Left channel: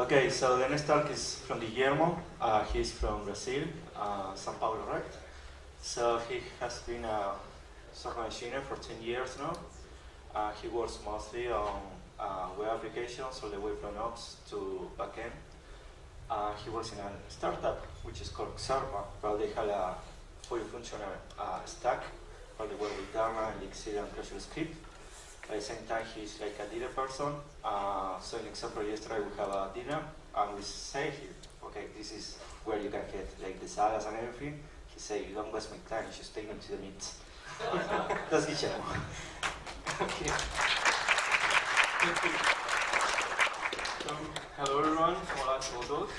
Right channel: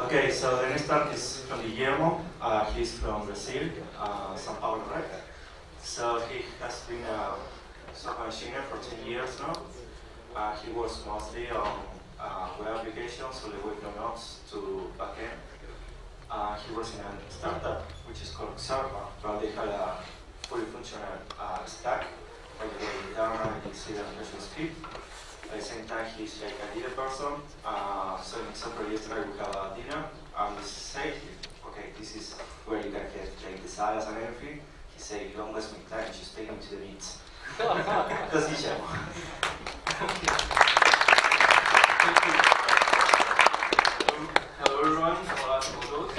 Okay, so the next talk is from Guillermo. He's from Brazil, São Paulo, right? So he has been a software engineer for 10 years now. He works mostly on web applications, all the way from ops to backend. He works in a startup which is called Xerpa, but they have a fully functional stack, all the way with Erlang, Elixir, and Visual Script. At the same time, he's like a leader person. So, in example, yesterday we have a dinner, and we say, okay, this is where you can get like the salads and everything. He said, you don't waste my time, just take them to the meat. That's Guillermo. Hello everyone, hola a todos.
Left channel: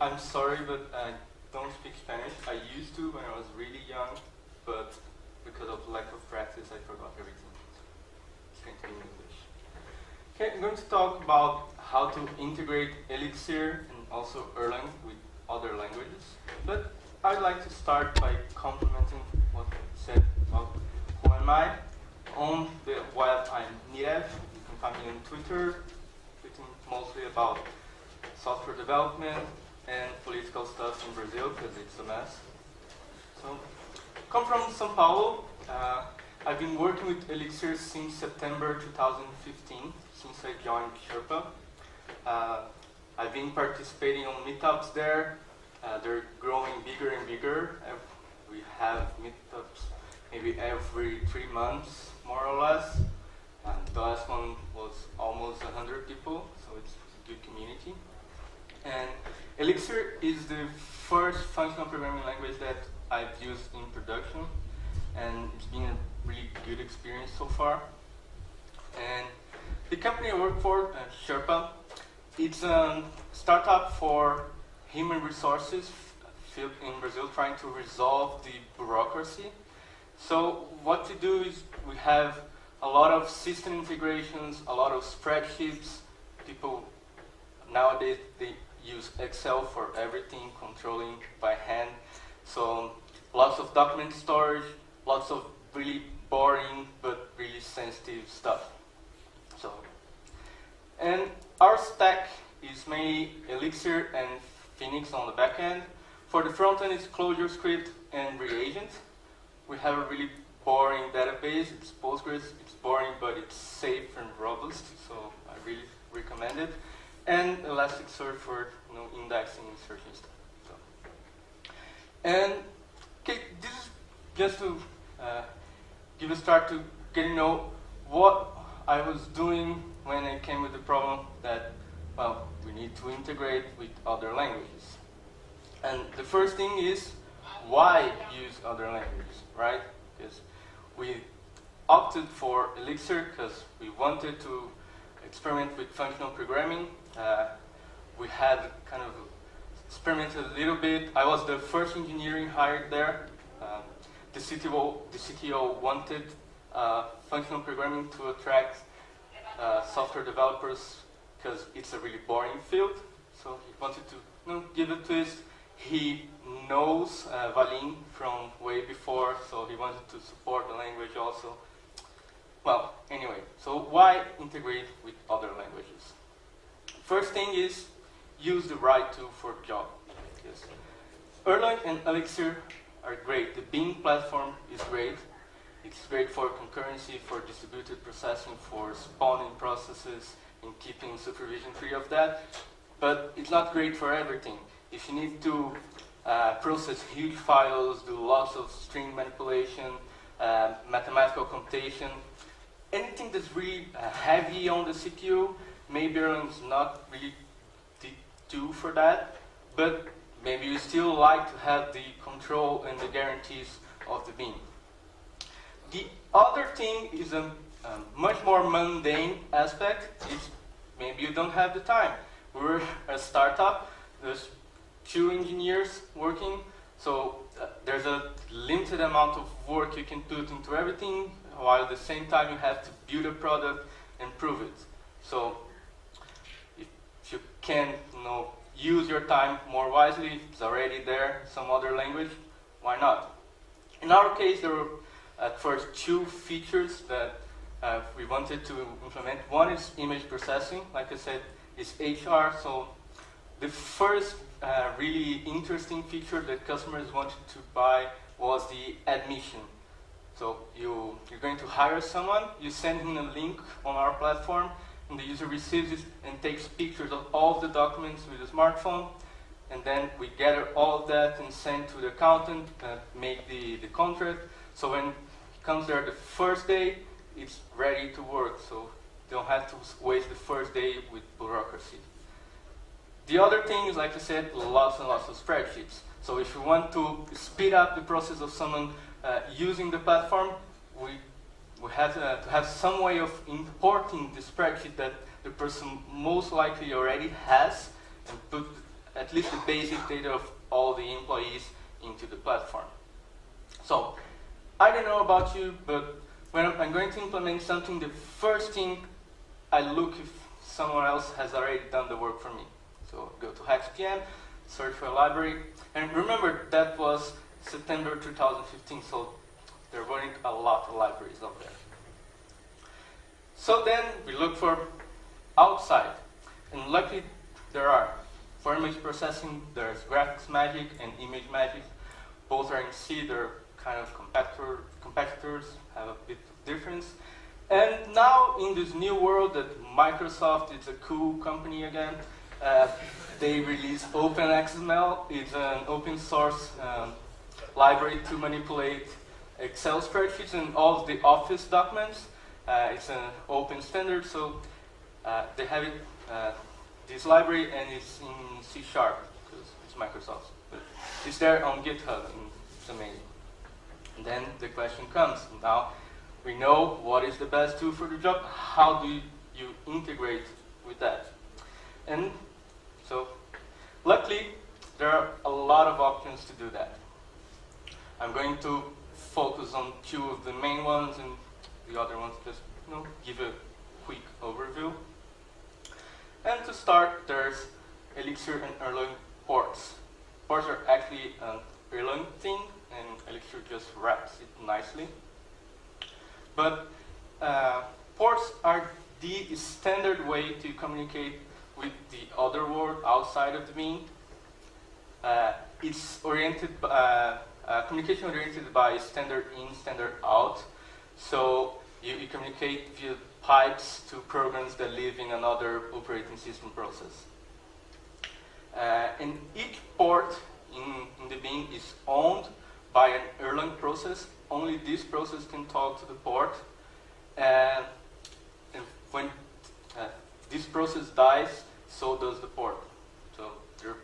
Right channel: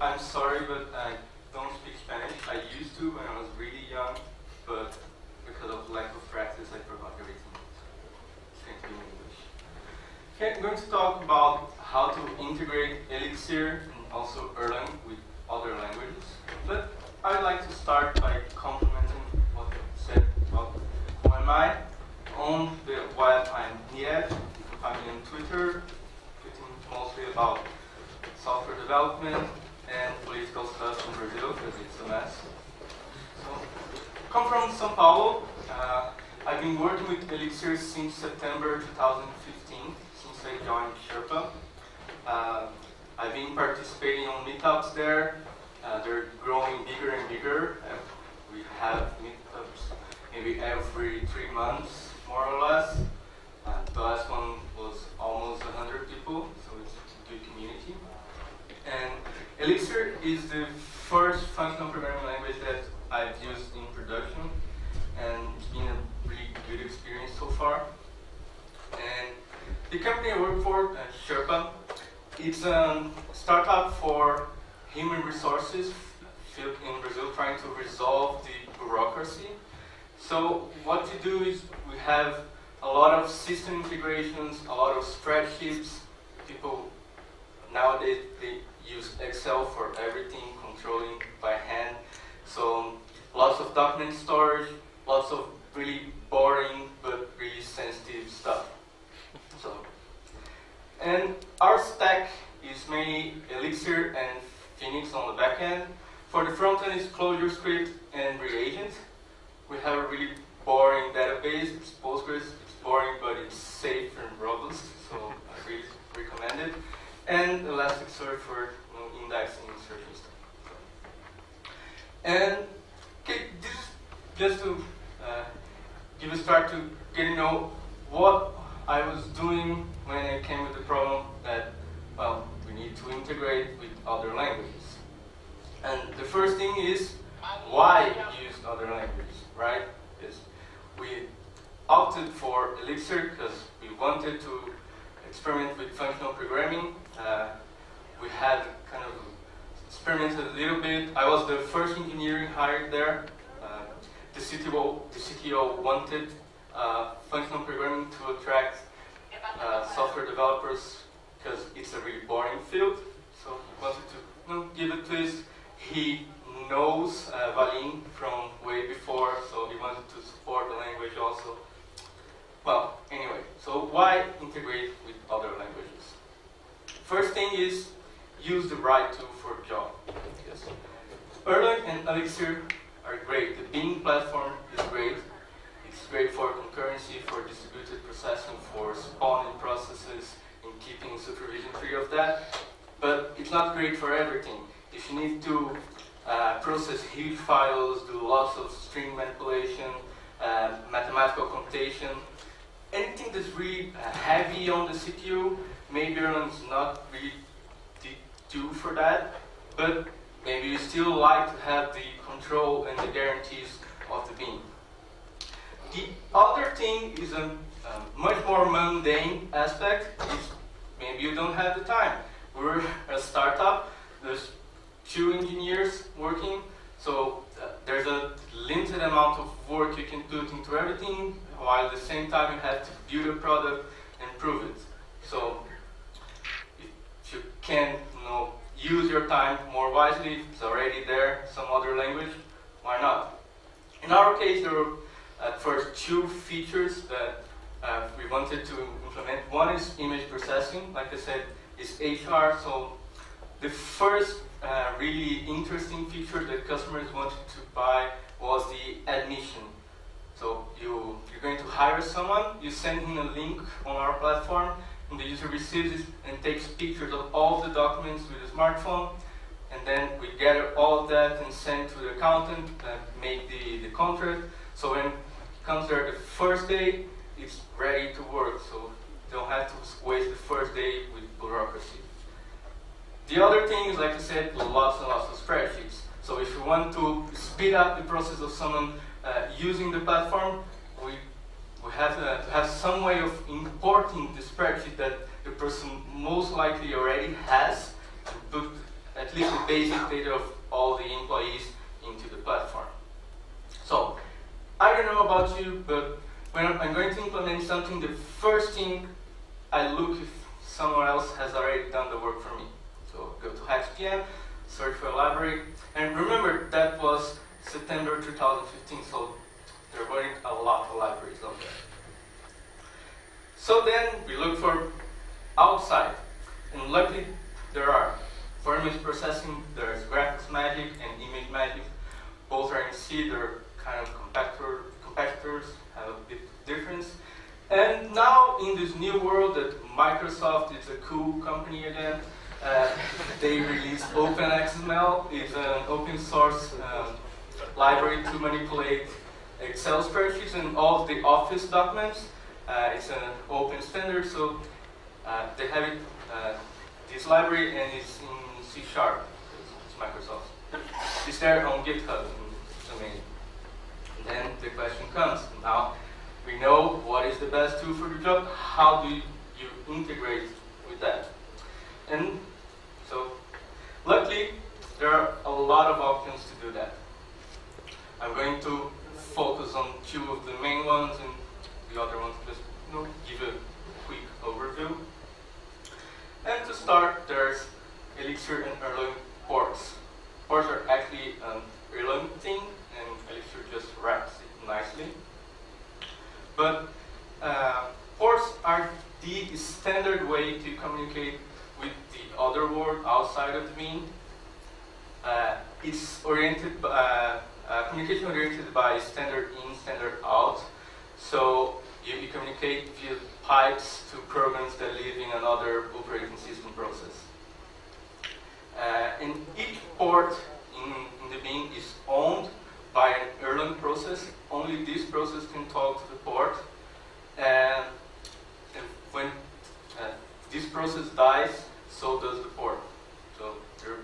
I'm sorry, but I don't speak Spanish. I used to when I was really young, but because of lack of practice, I forgot everything. It's going to be in English. Okay, I'm going to talk about how to integrate Elixir and also Erlang with other languages. But I'd like to start by complimenting what I said about who am I. On the web, I'm Nirav. You can find me on Twitter, tweeting mostly about software development and political stuff in Brazil, because it's a mess. So, come from São Paulo. I've been working with Elixir since September 2015, since I joined Xerpa. I've been participating on meetups there. They're growing bigger and bigger. We have meetups maybe every 3 months, more or less. The last one was almost 100 people, so it's a good community. And Elixir is the first functional programming language that I've used in production, and it's been a really good experience so far. And the company I work for, Xerpa, it's a startup for human resources in Brazil, trying to resolve the bureaucracy. So what we do is we have a lot of system integrations, a lot of spreadsheets. People nowadays, they use Excel for everything, controlling by hand. So lots of document storage, lots of really boring but really sensitive stuff. And our stack is mainly Elixir and Phoenix on the back end. For the front end, it's ClojureScript and Reagent. We have a really boring database. It's Postgres. It's boring, but it's safe and robust, so I really recommend it. And Elasticsearch for indexing and searching stuff. And okay, this is just to give a start to getting to know what I was doing when I came with the problem that, well, we need to integrate with other languages. And the first thing is, why use other languages, right? Because we opted for Elixir because we wanted to experiment with functional programming. We had kind of experimented a little bit. I was the first engineering hired there. The CTO wanted functional programming to attract software developers because it's a really boring field. So he wanted to give a twist. He knows Valim from way before, so he wanted to support the language also. Well, anyway, so why integrate with other languages? First thing is use the right tool for the job. Yes. Erlang and Elixir are great. The Beam platform is great. It's great for concurrency, for distributed processing, for spawning processes, and keeping supervision free of that. But it's not great for everything. If you need to process huge files, do lots of string manipulation, mathematical computation, anything that's really heavy on the CPU, maybe Erlang is not really the tool for that, but maybe you still like to have the control and the guarantees of the Beam. The other thing is a much more mundane aspect, is maybe you don't have the time. We're a startup, there's 2 engineers working, so there's a limited amount of work you can put into everything, while at the same time you have to build a product and prove it. So if you can use your time more wisely, it's already there, some other language, why not? In our case, there were at first 2 features that we wanted to implement. One is image processing. Like I said, is HR. So the first really interesting feature that customers wanted to buy was the admission. So you're going to hire someone, you send him a link on our platform, and the user receives it and takes pictures of all the documents with a smartphone, and then we gather all of that and send to the accountant, make the contract. So when it comes there the first day, it's ready to work, so you don't have to waste the first day with bureaucracy. The other thing is, like I said, lots and lots of spreadsheets. So if you want to speed up the process of someone using the platform, we have to have some way of importing the spreadsheet that the person most likely already has, and put at least the basic data of all the employees into the platform. So I don't know about you, but when I'm going to implement something, the first thing I look if someone else has already done the work for me. So go to HacksPM, search for a library, and remember that was September 2015, so there weren't a lot of libraries out there. So then we look for outside, and luckily there are. For image processing, there's Graphics Magic and Image Magic. Both are in C, they're kind of competitors, have a bit of difference. And now in this new world that Microsoft is a cool company again, they released OpenXML. It's an open source library to manipulate Excel spreadsheets and all of the Office documents. It's an open standard, so they have it, this library, and it's in C#, because it's Microsoft. It's there on GitHub, and it's amazing. And then the question comes, now we know what is the best tool for the job, how do you integrate with that? And so, luckily, there are a lot of options to do that. I'm going to focus on two of the main ones, and the other ones just give a quick overview. And to start, there's Elixir and Erlang ports. Ports are actually an Erlang thing, and Elixir just wraps it nicely. But ports are the standard way to communicate with the other world outside of the bean. It's oriented by, communication oriented by standard in, standard out. So you communicate via pipes to programs that live in another operating system process. And each port in the bean is owned by an Erlang process. Only this process can talk to the port. And when this process dies, so does the port. So they're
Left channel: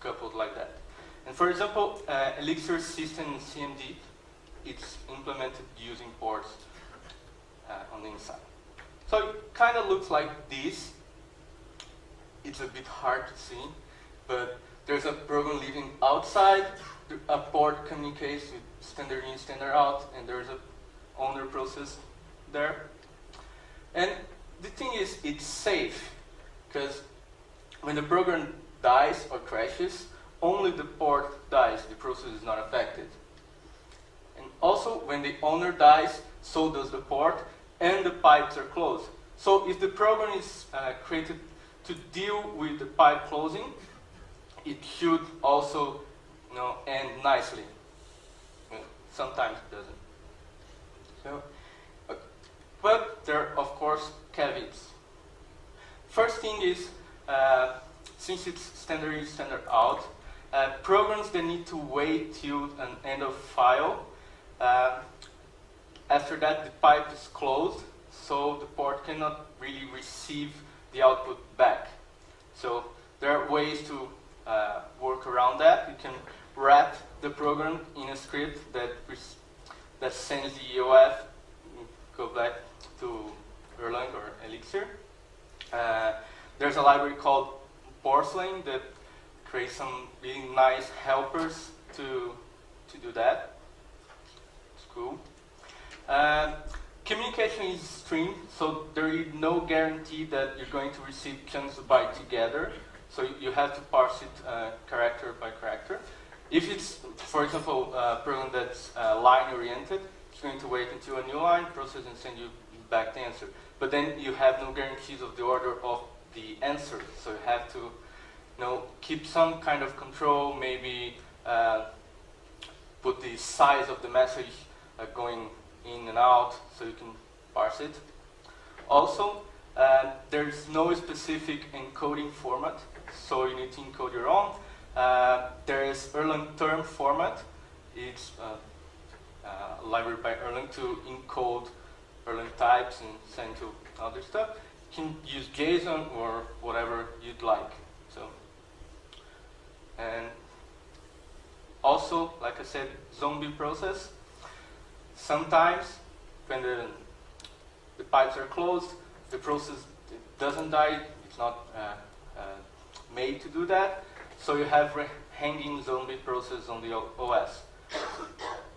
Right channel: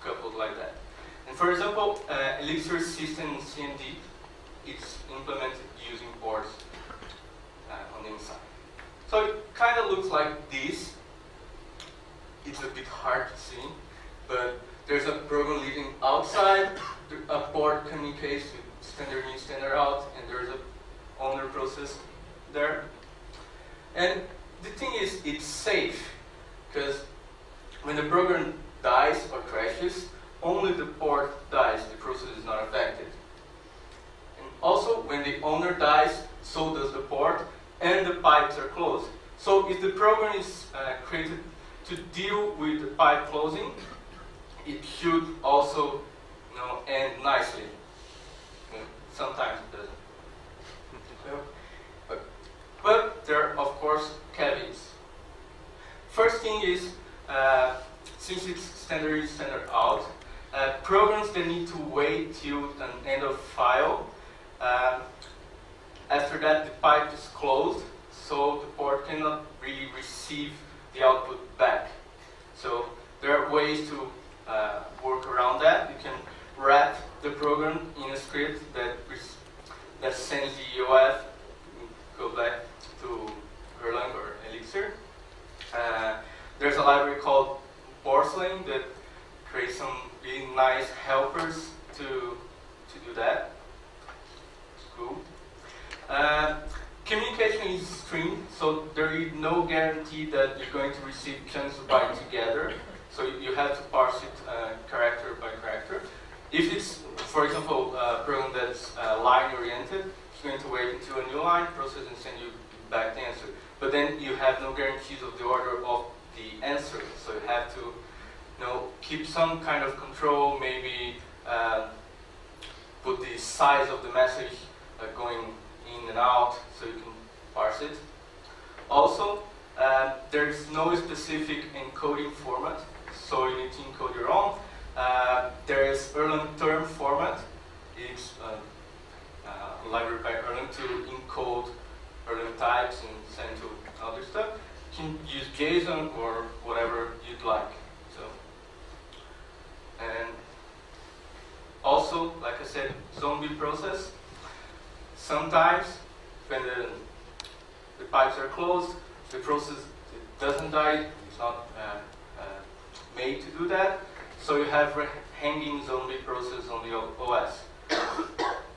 coupled like that. And for example, Elixir system in CMD, it's implemented using ports on the inside. So it kind of looks like this. It's a bit hard to see, but there's a program living outside. A port communicates with standard in, standard out, and there's a owner process there. And the thing is, it's safe, because when the program dies or crashes, only the port dies, the process is not affected. And also, when the owner dies, so does the port, and the pipes are closed. So if the program is created to deal with the pipe closing, it should also end nicely. Sometimes it doesn't. But there are, of course, caveats. First thing is, since it's standard in, standard out, programs that need to wait till an end of file, after that the pipe is closed, so the port cannot really receive the output back. So there are ways to work around that. You can wrap the program in a script that sends the EOF, go back to Erlang or Elixir. There's a library called Porcelain that creates some really nice helpers to do that. It's cool. Communication is streamed, so there is no guarantee that you're going to receive chunks of byte together. So you have to parse it character by character. If it's, for example, a program that's line-oriented, it's going to wait until a new line, process, and send you back the answer. But then you have no guarantees of the order of the answer. So you have to, keep some kind of control, maybe put the size of the message going in and out so you can parse it. Also, there's no specific encoding format, so you need to encode your own. There is Erlang term format. It's a library by Erlang to encode Erlang types and send to other stuff. You can use JSON or whatever you'd like. So, and also, like I said, zombie process. Sometimes when the pipes are closed, the process doesn't die. It's not made to do that. So you have hanging zombie process on the OS.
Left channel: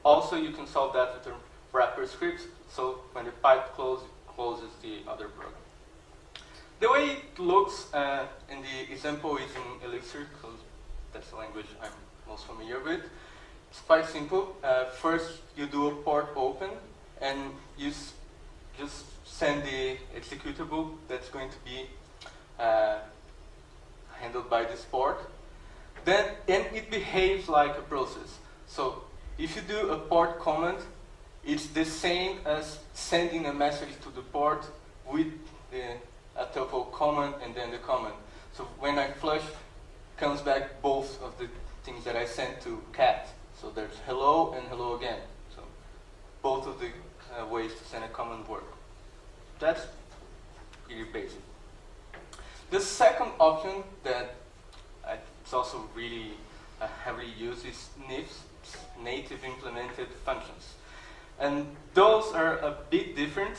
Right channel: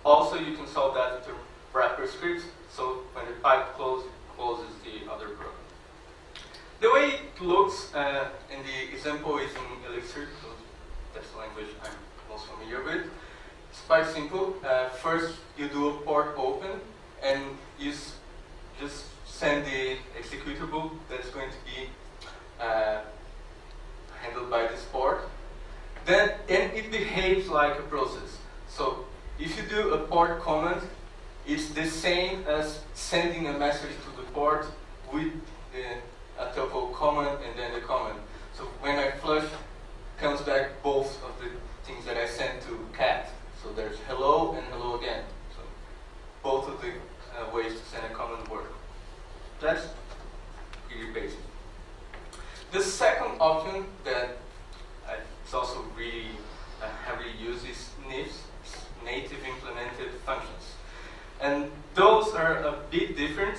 Also, you can solve that with a wrapper script. So when the pipe closes the other program. The way it looks in the example is in Elixir, because that's the language I'm most familiar with. It's quite simple. First, you do a port open, and you just send the executable that's going to be handled by this port. And it behaves like a process. So if you do a port command, it's the same as sending a message to the port with a tuple command and then the command. So when I flush, comes back both of the things that I sent to cat. So there's hello and hello again. So both of the ways to send a command work. That's pretty basic. The second option that it's also really heavily used is NIFs, native implemented functions. And those are a bit different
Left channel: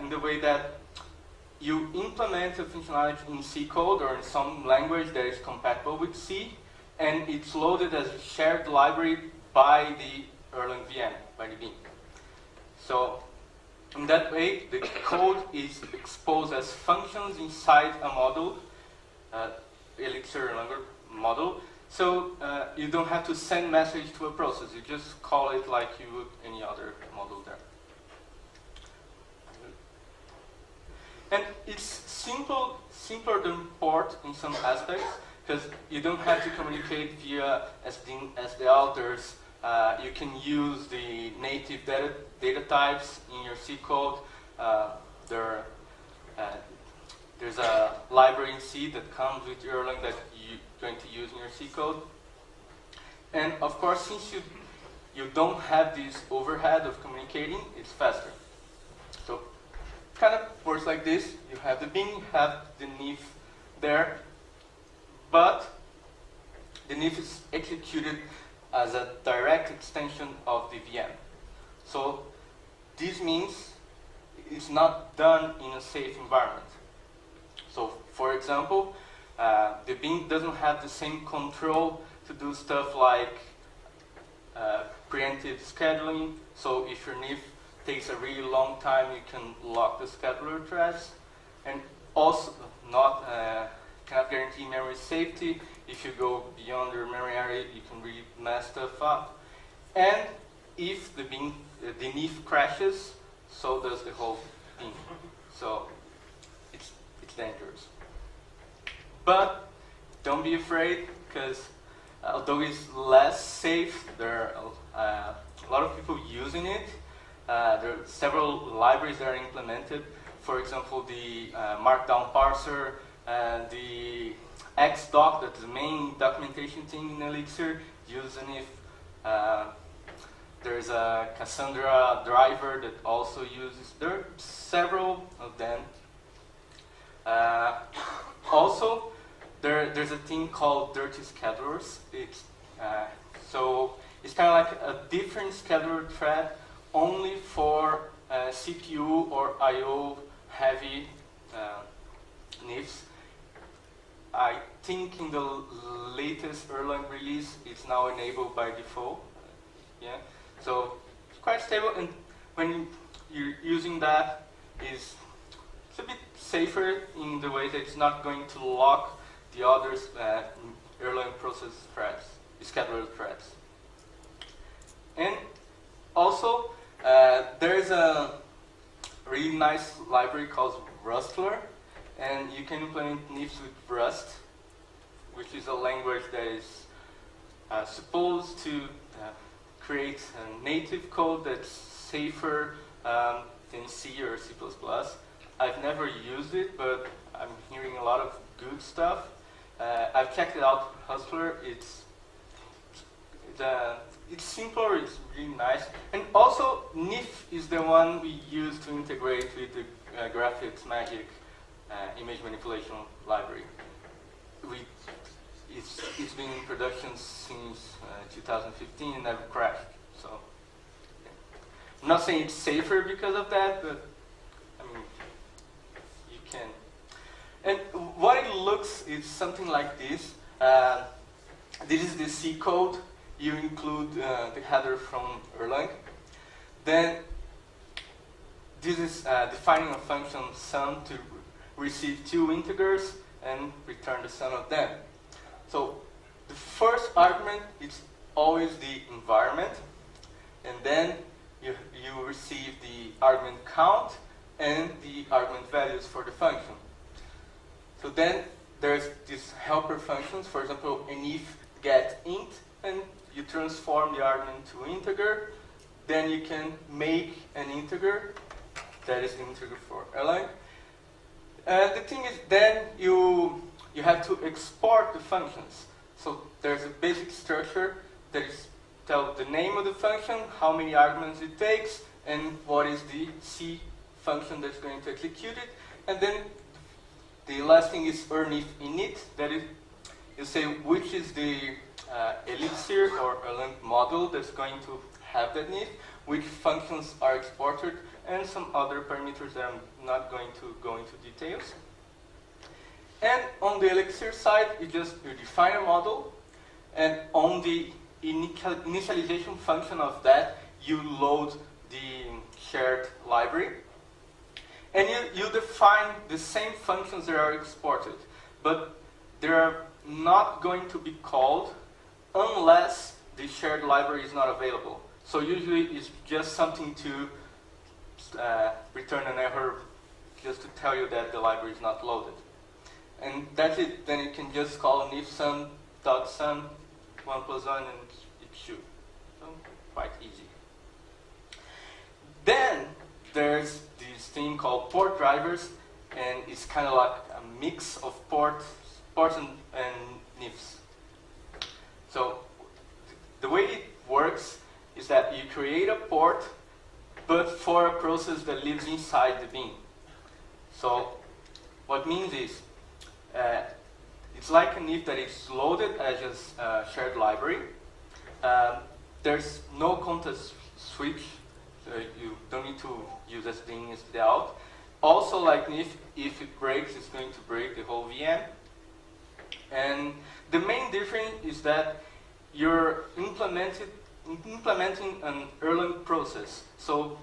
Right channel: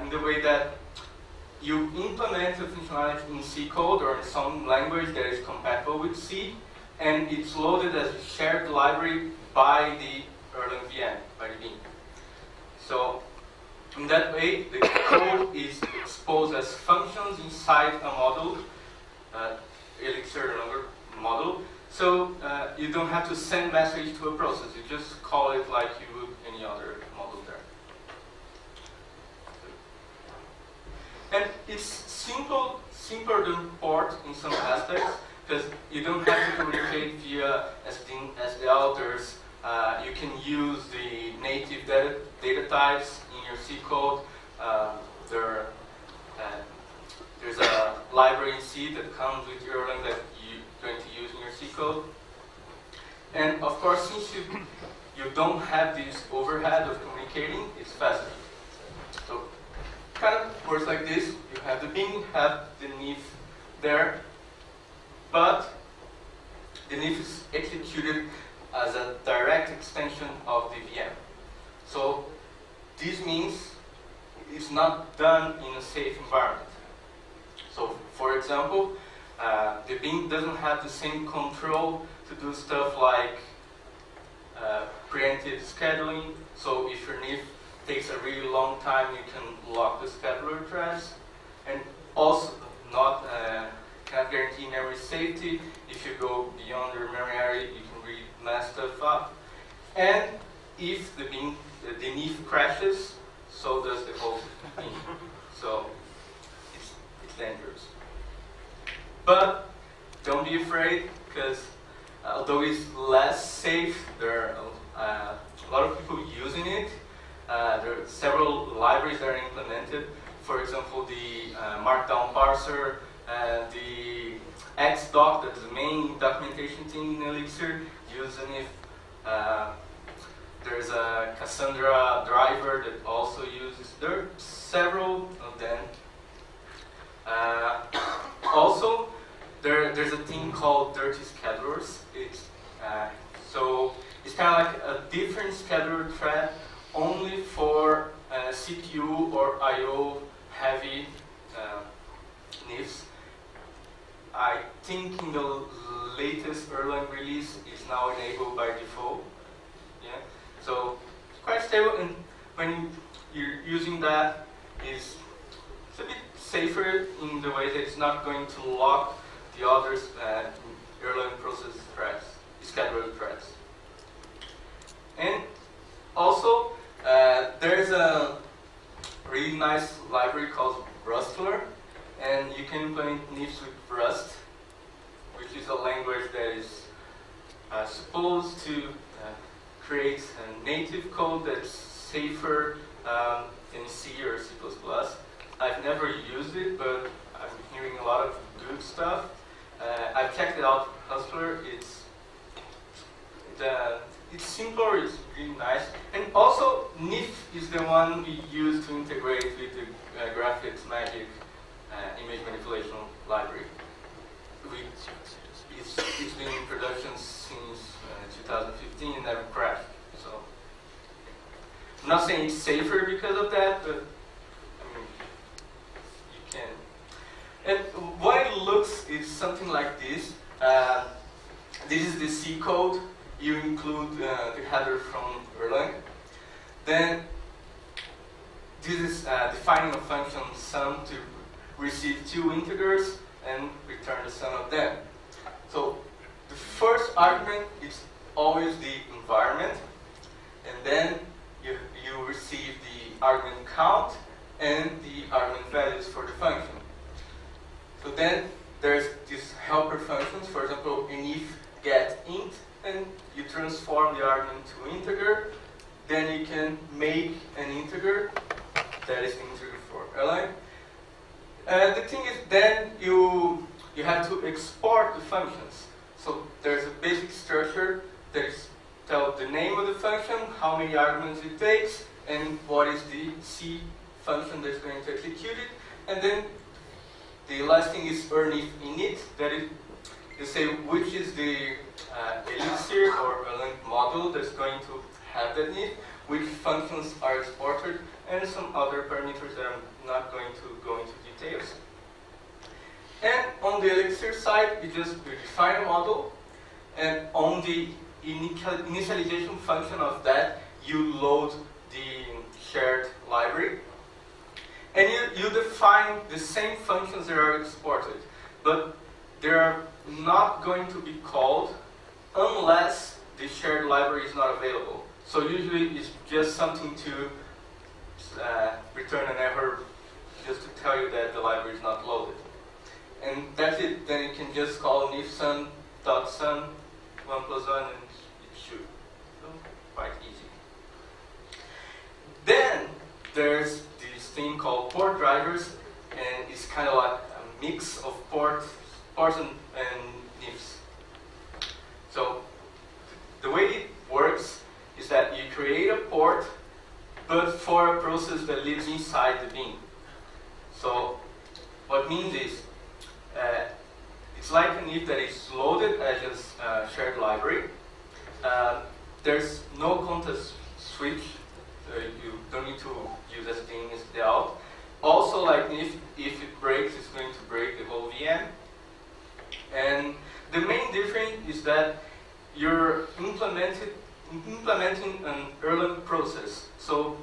in the way that you implement a functionality in C code or in some language that is compatible with C, and it's loaded as a shared library by the Erlang VM, by the bean. So in that way, the code is exposed as functions inside a model, Elixir Erlang model. So you don't have to send message to a process. You just call it like you would any other model there. And it's simpler than port in some aspects, because you don't have to communicate via SDL. You can use the native data types in your C code. There's a library in C that comes with Erlang that you're going to use in your C code. And of course, since you don't have this overhead of communicating, it's faster. So kind of works like this. You have the bean, you have the NIF there, but the NIF is executed as a direct extension of the VM. So this means it's not done in a safe environment. So for example, the bean doesn't have the same control to do stuff like preemptive scheduling. So if your NIF takes a really long time, you can lock the scheduler threads, and also cannot guarantee memory safety. If you go beyond your memory area, you can really mess stuff up. And if the NIF crashes, so does the whole thing. So it's dangerous. But don't be afraid, because although it's less safe, there are a lot of people using it. There are several libraries that are implemented. For example, the Markdown parser, the Xdoc, that's the main documentation thing in Elixir, using it. There's a Cassandra driver that also uses. There are several of them. Also, there's a thing called dirty schedulers. So it's kind of like a different scheduler thread only for CPU or I/O heavy NIFs. I think in the latest Erlang release, it's now enabled by default. Yeah, so it's quite stable, and when you're using that, it's a bit safer in the way that it's not going to lock the other Erlang process threads, scheduler threads. And also, there is a really nice library called Rustler. and you can implement NIFs with Rust, which is a language that is supposed to create a native code that's safer than C or C++. I've never used it, but I'm hearing a lot of good stuff. I've checked it out, Hustler. It's simpler, it's really nice. And also, NIF is the one we use to integrate with the graphics magic image manipulation library. It's been in production since 2015 and never crashed. So, I'm not saying it's safer because of that, but I mean, you can. And what it looks is something like this. This is the C code. You include the header from Erlang. Then this is defining a function sum to receive two integers and return the sum of them. So the first argument is always the environment, and then you receive the argument count and the argument values for the function. So then there's these helper functions, for example, init get int, and you transform the argument to integer. Then you can make an integer, that is the integer for Erlang. The thing is, then you have to export the functions. So there's a basic structure that is tell the name of the function, how many arguments it takes, and what is the C function that's going to execute it. And then the last thing is earnIf init, that is, you say which is the Elixir or Erlang model that's going to have that NIF, which functions are exported, and some other parameters that I'm not going to go into details. And on the Elixir side, you define a model, and on the initialization function of that, you load the shared library. And you define the same functions that are exported, but they are not going to be called unless the shared library is not available. So usually it's just something to return an error just to tell you that the library is not loaded. And that's it. Then you can just call an if sum.sum 1 plus 1 and it should. So quite easy. Then there's this thing called port drivers, and it's kind of like a mix of ports and NIFs. So the way it works is that you create a port, but for a process that lives inside the bin. So what it means is, it's like an if that is loaded as a shared library. There's no context switch, so you don't need to use as in as the out. Also, like if it breaks, it's going to break the whole VM. And the main difference is that you're implementing an Erlang process. So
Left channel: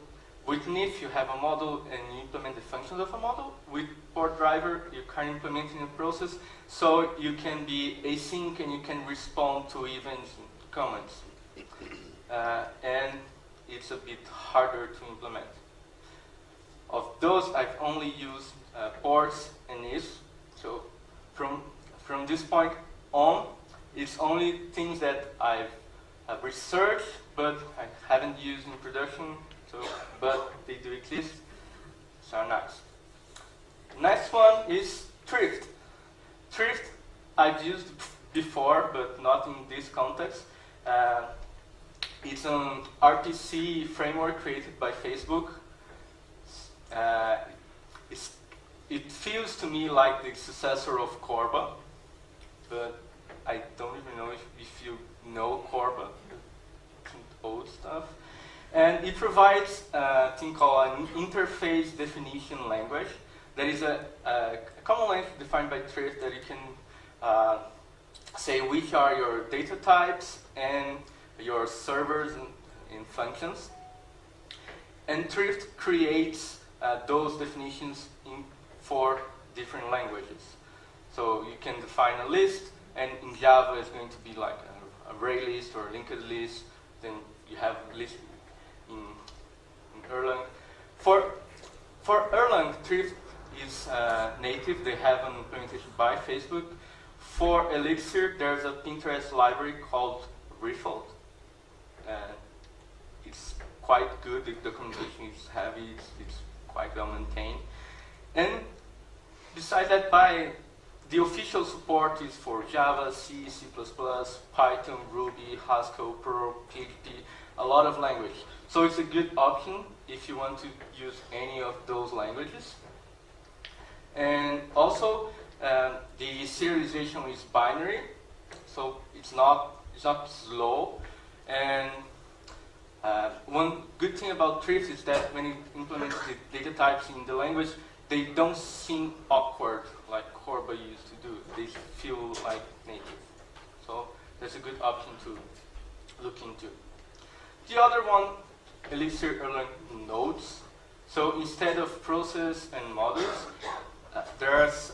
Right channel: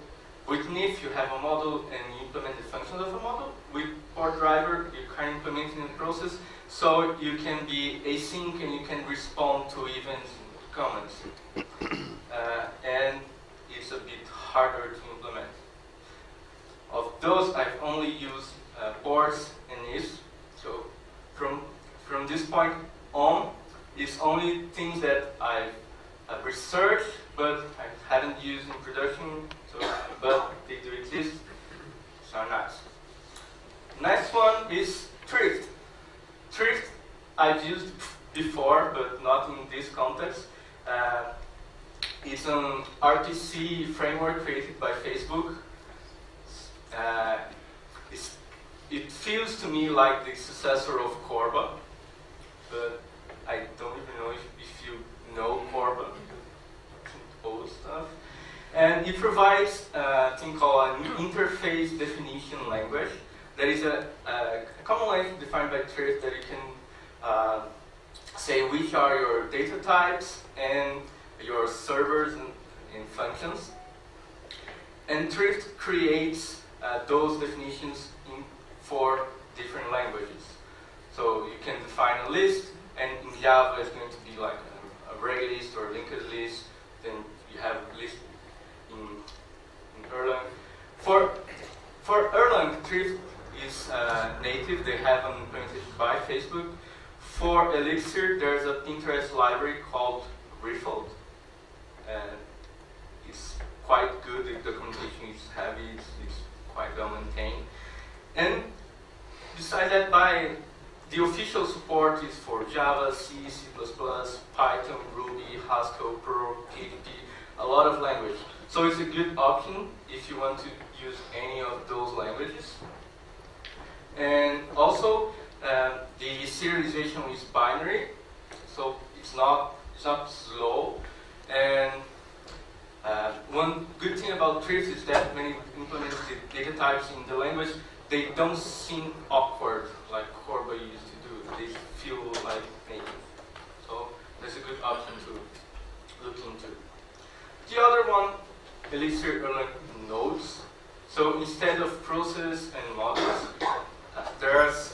with NIF, you have a model and you implement the functions of a model. With port driver, you're kind of implementing a process, so you can be async and you can respond to events and comments. And it's a bit harder to implement. Of those, I've only used ports and NIFs. So from this point on, it's only things that I've researched, but I haven't used in production. So, but they do exist, so nice. Next one is Thrift. Thrift I've used before, but not in this context. It's an RPC framework created by Facebook. It feels to me like the successor of Corba, but I don't even know if you know Corba, old stuff. And it provides a thing called an interface definition language. That is a common language defined by Thrift that you can say which are your data types and your servers and functions. And Thrift creates those definitions in 4 different languages. So you can define a list, and in Java it's going to be like a array list or a linked list. Then you have a list in Erlang. For Erlang, Thrift is native. They have an implementation by Facebook. For Elixir, there's a Pinterest library called Riffled. It's quite good. The documentation is heavy. It's quite well maintained. And besides that, the official support is for Java, C, C++, Python, Ruby, Haskell, Perl, PHP, a lot of language. So it's a good option if you want to use any of those languages. And also, the serialization is binary, so it's not slow. And one good thing about threads is that when you implement the data types in the language, they don't seem awkward like Xerpa used to do. They feel like native. So that's a good option to look into. The other one, Elixir Erlang nodes. So instead of process and models, there's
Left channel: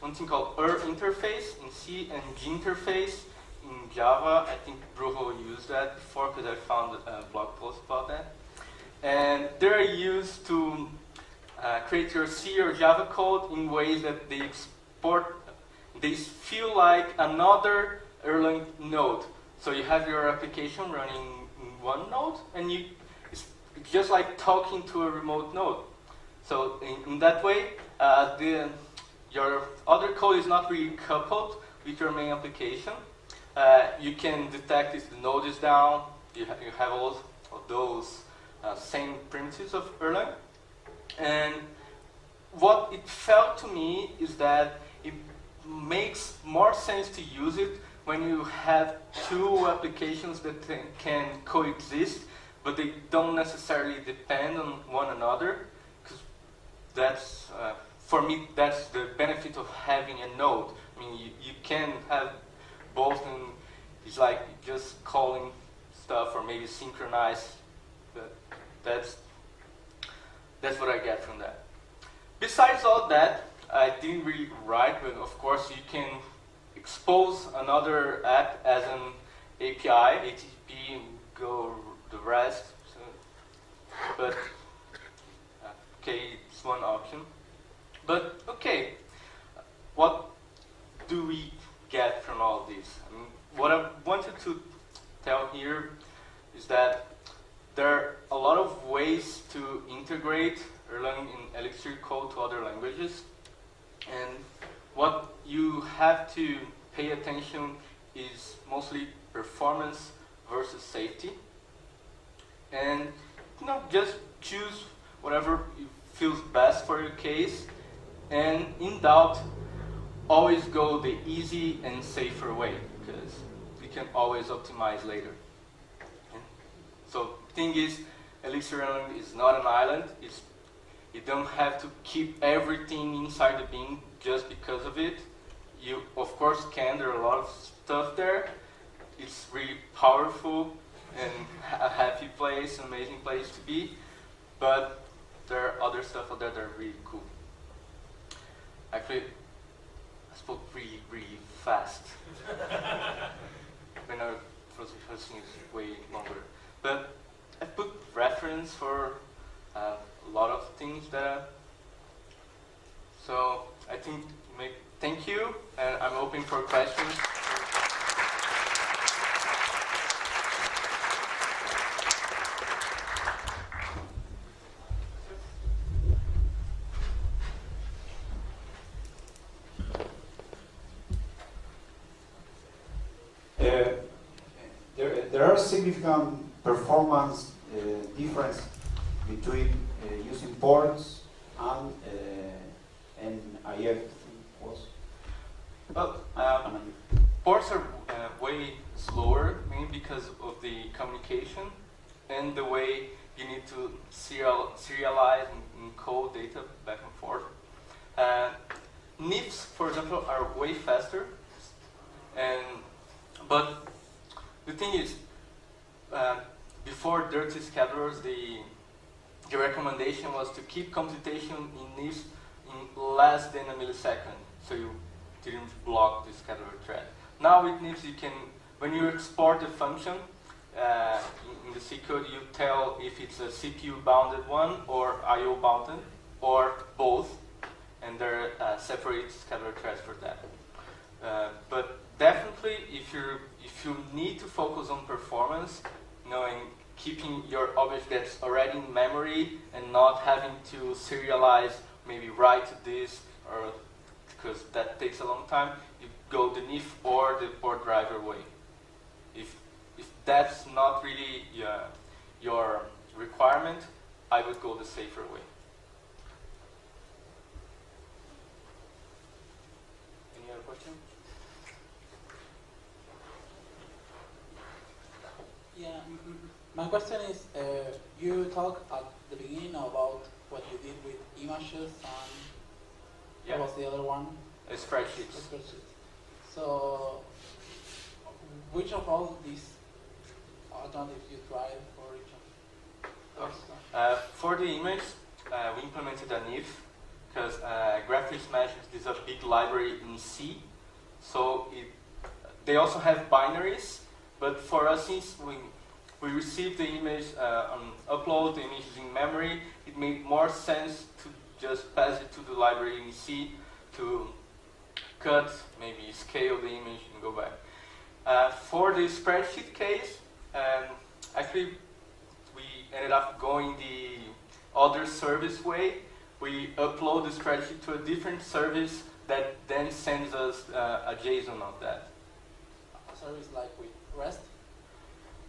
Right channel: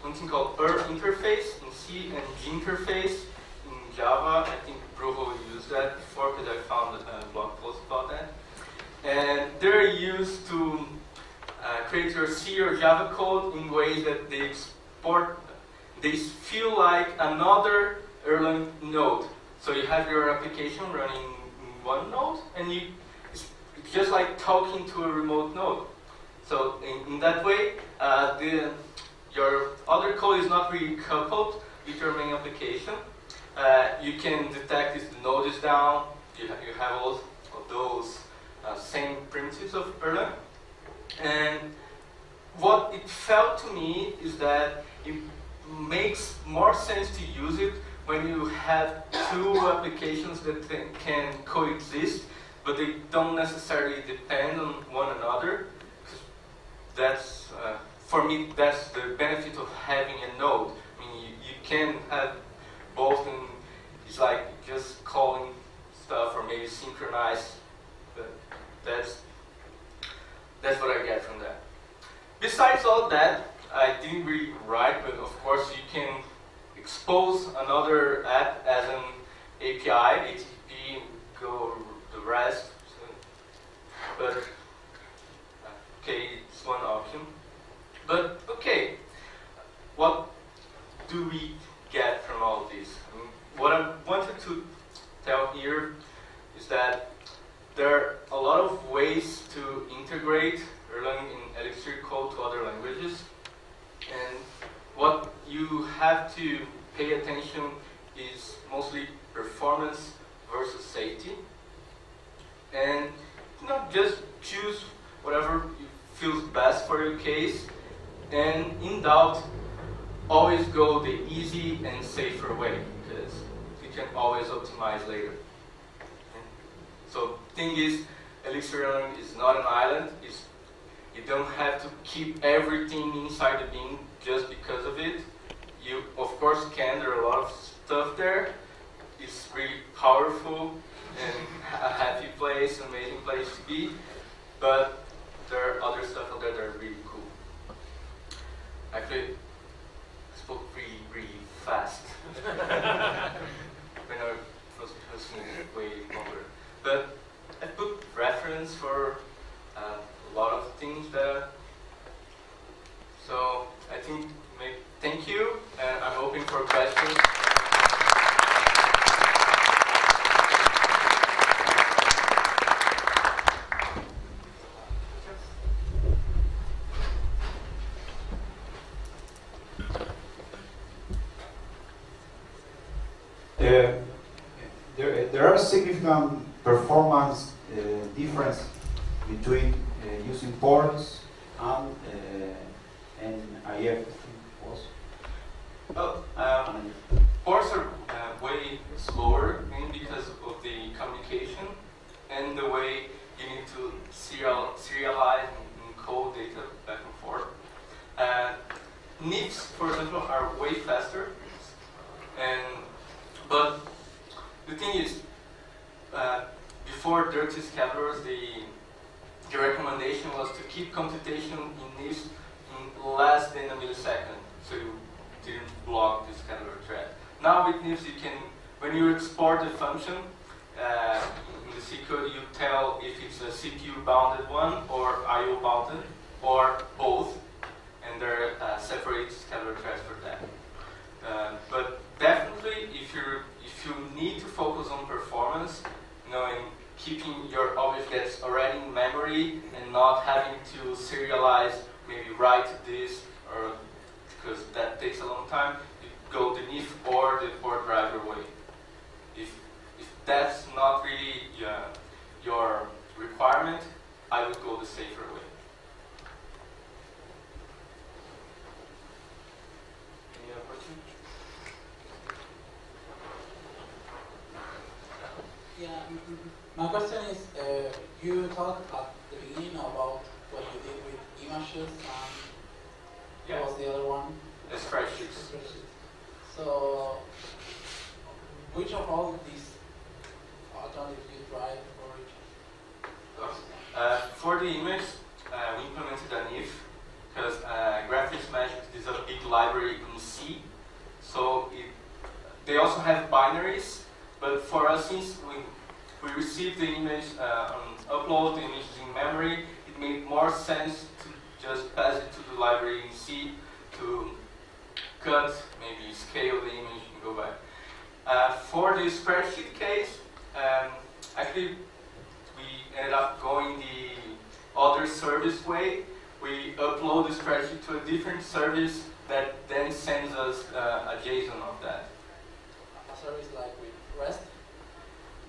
one thing called interface in C and G interface in Java. I think Brujo used that before because I found a blog post about that. And they're used to create your C or Java code in ways that they feel like another Erlang node. So you have your application running in one node, and it's just like talking to a remote node. So in that way, your other code is not really coupled with your main application. You can detect if the node is down. You have all of those same primitives of Erlang. And what it felt to me is that it makes more sense to use it when you have two applications that can coexist, but they don't necessarily depend on one another. Because that's, for me, that's the benefit of having a node. I mean, you can have both, and it's like just calling stuff or maybe synchronize. But that's what I get from that. Besides all that, I didn't really write, but of course you can expose another app as an API, HTTP, go the rest. So, but okay, it's one option. But okay, what do we get from all this? I mean, what I wanted to tell here is that there are a lot of ways to integrate Erlang in Elixir code to other languages. And what you have to pay attention is mostly performance versus safety. And just choose whatever feels best for your case. And in doubt, always go the easy and safer way, because you can always optimize later. So thing is, Elixir Erlang is not an island. You don't have to keep everything inside the bean just because of it. You, of course, can. There are a lot of stuff there. It's really powerful and a happy place, an amazing place to be. But there are other stuff out there that are really cool. Actually, I spoke really, really fast. When I was listening way longer. But I put reference for a lot of things there. So I think, thank you, and I'm open for questions. There are significant performance difference between using ports and IF was. Well, ports are way slower, mainly because of the communication and the way you need to serialize and code data back and forth. NIFs, for example, are way faster, but the thing is, before dirty scavengers, the recommendation was to keep computation in NIFs in less than a millisecond, so you didn't block the scavenger thread. Now with NIFs, you can, when you export a function in the C code, you tell if it's a CPU bounded one or IO bounded or both, and there are separate scheduler threads for that. But definitely, if you need to focus on performance, and keeping your object that's already in memory and not having to serialize, maybe write this, or because that takes a long time, you go the if or the port driver way. If that's not really your requirement, I would go the safer way. Any other questions? Yeah, my question is, you talked at the beginning about what you did with images and what was the other one? Spreadsheets. So, which of all these alternatives you tried for each? For the image, we implemented an if, because Graphics Magic is a big library in C. So they also have binaries, but for us, since we received the image, upload the images in memory, it made more sense to just pass it to the library in C to cut, maybe scale the image and go back. For the spreadsheet case, actually we ended up going the other service way. We upload the spreadsheet to a different service that then sends us a JSON of that. A service like with REST?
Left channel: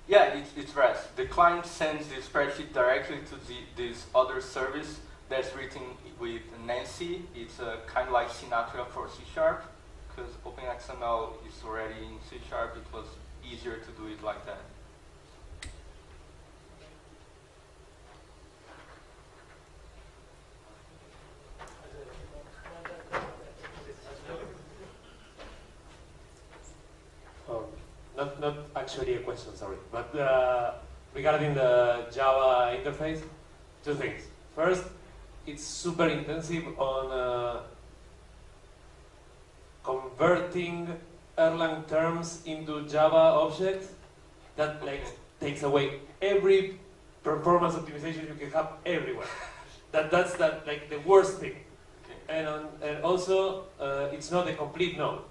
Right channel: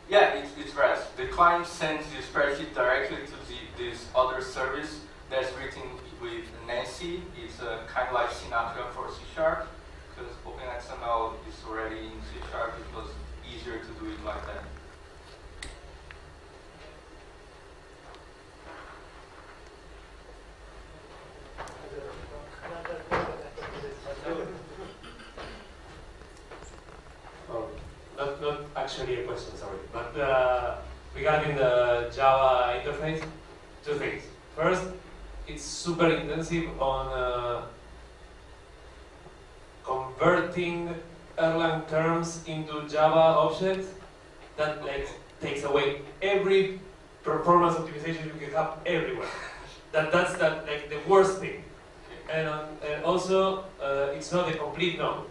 Yeah, it's REST. The client sends the spreadsheet directly to this other service that's written with Nancy. It's kind of like Sinatra for C#, because OpenXML is already in C#. It was easier to do it like that. Not actually a question, sorry, but regarding the Java interface, two things. First, it's super intensive on converting Erlang terms into Java objects. That takes away every performance optimization you can have everywhere. That's the worst thing. And also, it's not a complete node.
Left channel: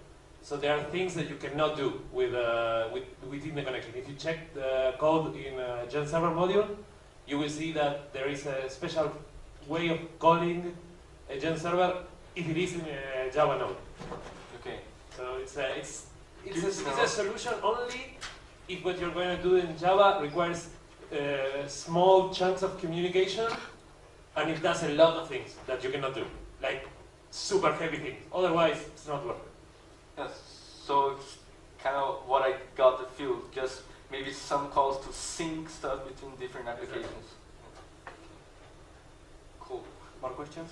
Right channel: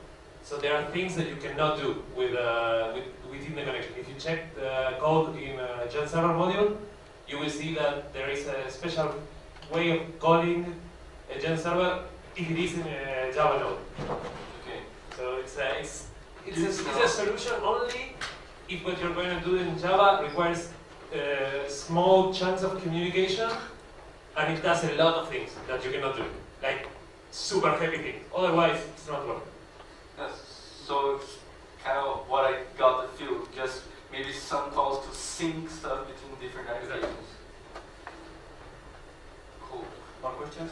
So there are things that you cannot do within the connection. If you check the code in GenServer module, you will see that there is a special way of calling a GenServer if it is in a Java node. Okay. So it's a solution only if what you're going to do in Java requires small chunks of communication, and it does a lot of things that you cannot do, like super heavy things. Otherwise, it's not working. Yes, so it's kind of what I got the feel, just maybe some calls to sync stuff between different applications. Cool. More questions?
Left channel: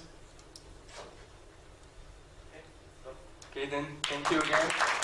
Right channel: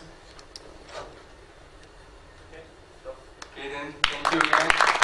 Okay, then thank you again.